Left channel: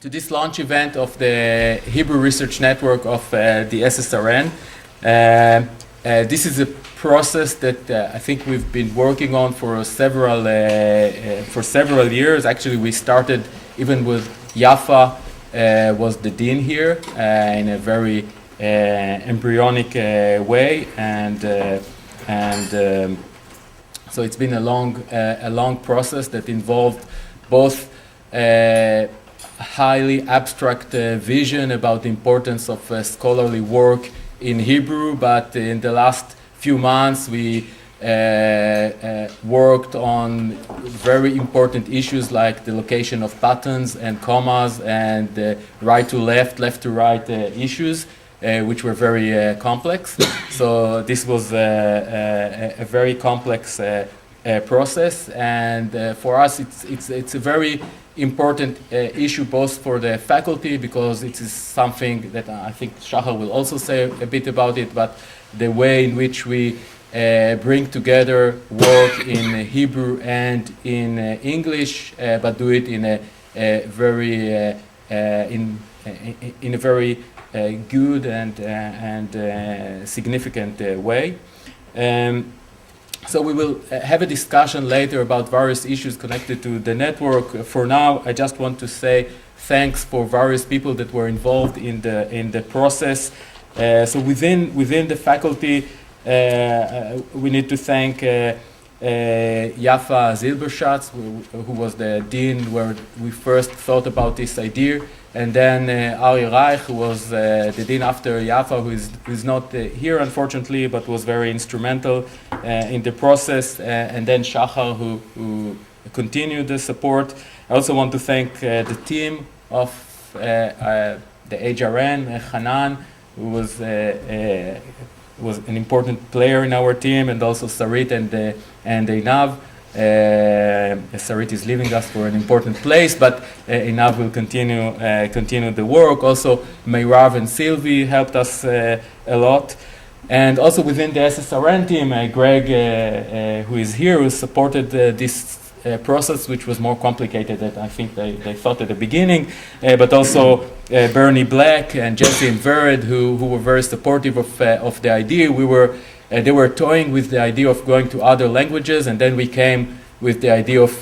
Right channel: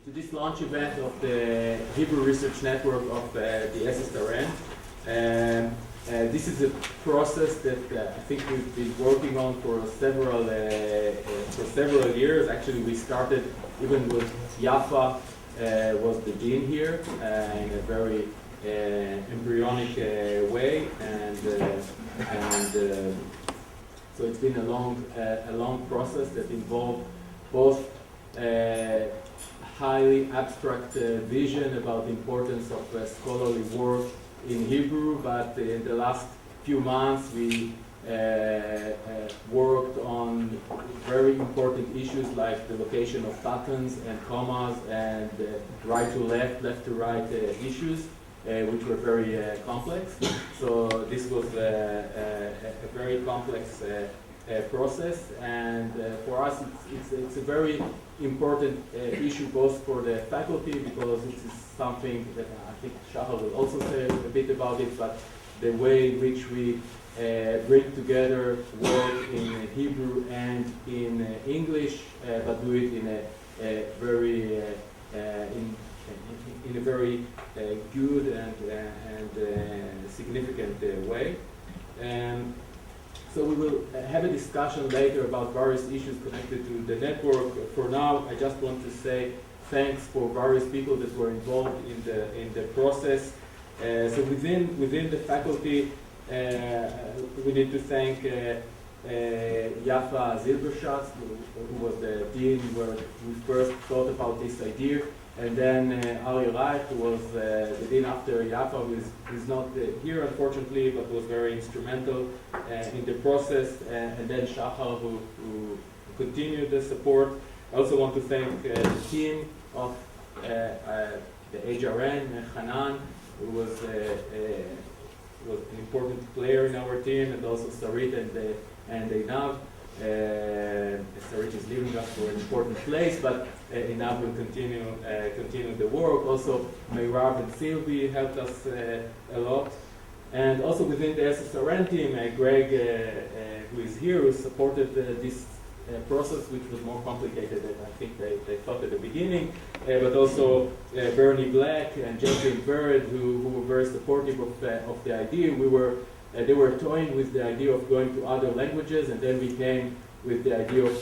to this launch event of the Hebrew Research Network of the SSRN. This is a process that I think we've been working on for several years. Actually, we started even with Yafa was the dean here in a very embryonic way, and so it's been a long process that involved both highly abstract vision about the importance of scholarly work in Hebrew, but in the last few months we worked on very important issues like the location of buttons and commas and right to left, left to right issues, which were very complex. So this was a very complex process, and for us it's a very important issue both for the faculty, because it is something that I think Shachar will also say a bit about it, but the way in which we bring together work in Hebrew and in English, but do it in a very good and significant way. So we will have a discussion later about various issues connected to the network. For now, I just want to say thanks for various people that were involved in the process. So within the faculty, we need to thank Yafa Zilberschatz, who was the dean where we first thought about this idea, and then Ari Reich, who was the dean after Yafa, who is not here unfortunately, but was very instrumental in the process, and then Shachar, who continued the support. I also want to thank the team of the HRN, Hanan, who was an important player in our team, and also Sarit and Einav. Sarit is leaving us for an important place, but Einav will continue the work. Also, Meirav and Sylvie helped us a lot. And also within the SSRN team, Greg, who is here, who supported this process, which was more complicated than I think they thought at the beginning, but also Bernie Black and Jesse and Vered, who were very supportive of the idea. They were toying with the idea of going to other languages, and then we came with the idea of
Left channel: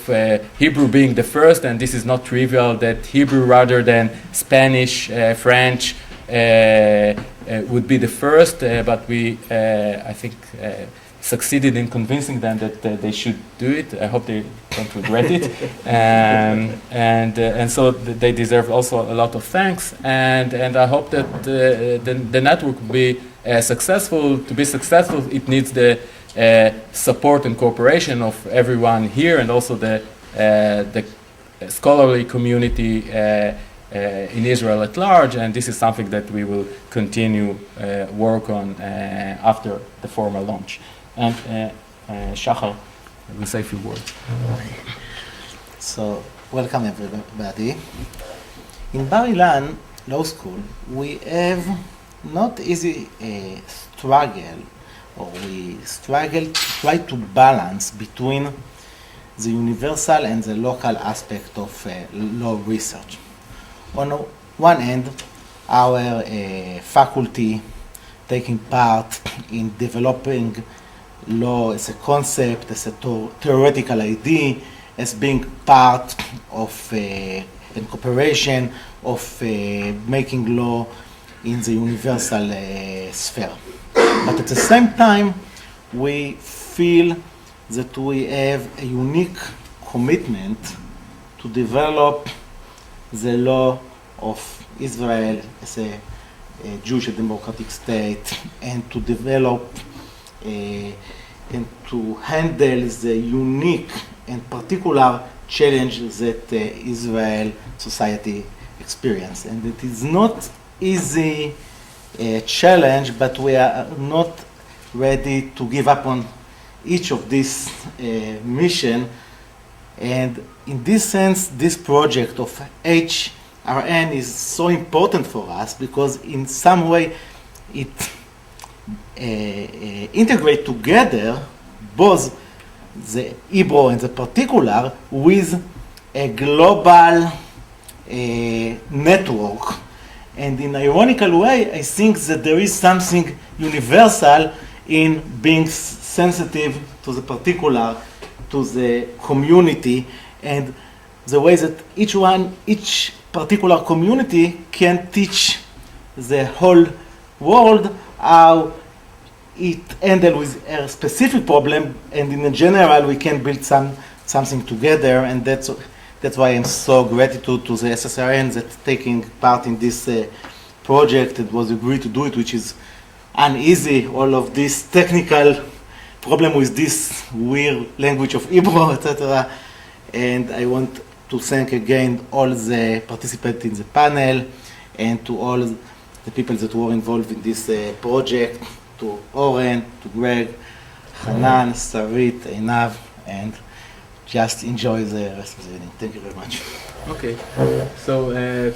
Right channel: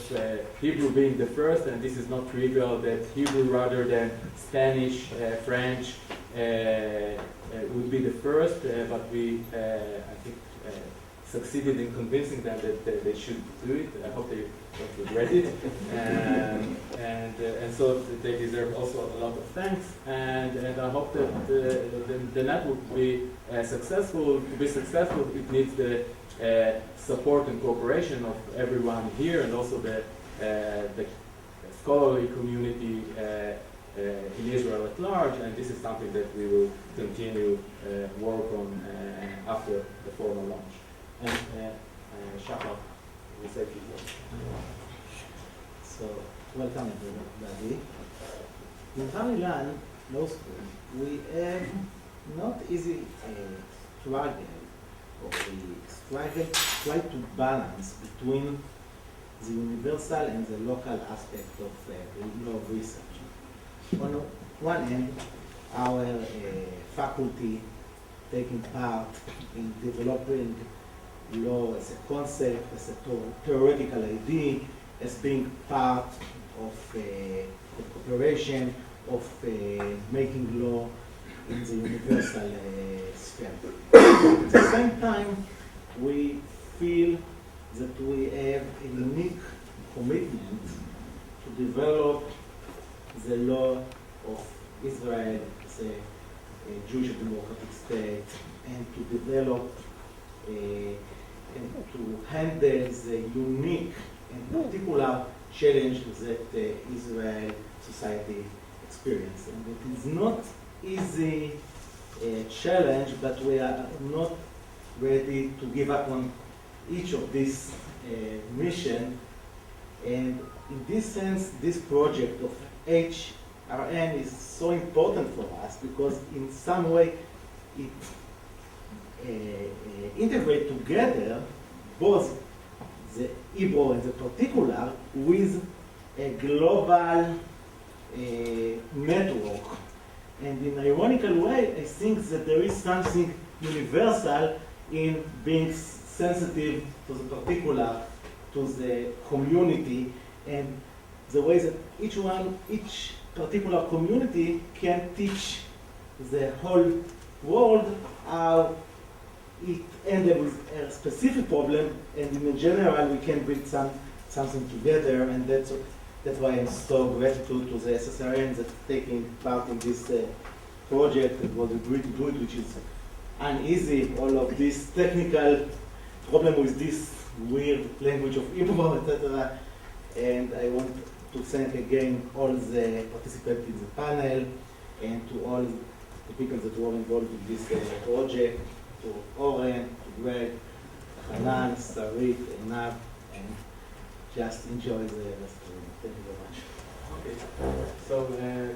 Hebrew being the first, and this is not trivial that Hebrew rather than Spanish, French would be the first, but we, I think, succeeded in convincing them that they should do it. I hope they don't regret it. And so they deserve also a lot of thanks, and I hope that the network will be successful. To be successful, it needs the support and cooperation of everyone here, and also the scholarly community in Israel at large, and this is something that we will continue work on after the formal launch. And Shachar will say a few words. So, welcome everybody. In Bar-Ilan Law School, we have not easy struggle, or we struggle to try to balance between the universal and the local aspect of law research. On one end, our faculty taking part in developing law as a concept, as a theoretical idea, as being part of in cooperation of making law in the universal sphere. But at the same time, we feel that we have a unique commitment to develop the law of Israel as a Jewish and democratic state, and to develop and to handle the unique and particular challenge that Israel society experiences. And it is not easy challenge, but we are not ready to give up on each of these mission. And in this sense, this project of HRN is so important for us, because in some way it integrate together both the Hebrew and the particular with a global network. And in an ironical way, I think that there is something universal in being sensitive to the particular, to the community, and the way that each particular community can teach the whole world how it handle with a specific problem, and in general we can build something together, and that's why I'm so grateful to the SSRN that's taking part in this project and was agreed to do it, which is uneasy, all of this technical problem with this weird language of Hebrew, etc. And I want to thank again all the participants in the panel and to all the people that were involved in this project, to Oren, to Greg, Hanan, Sarit, Einav, and just enjoy the rest of the evening. Thank you very much. Okay, so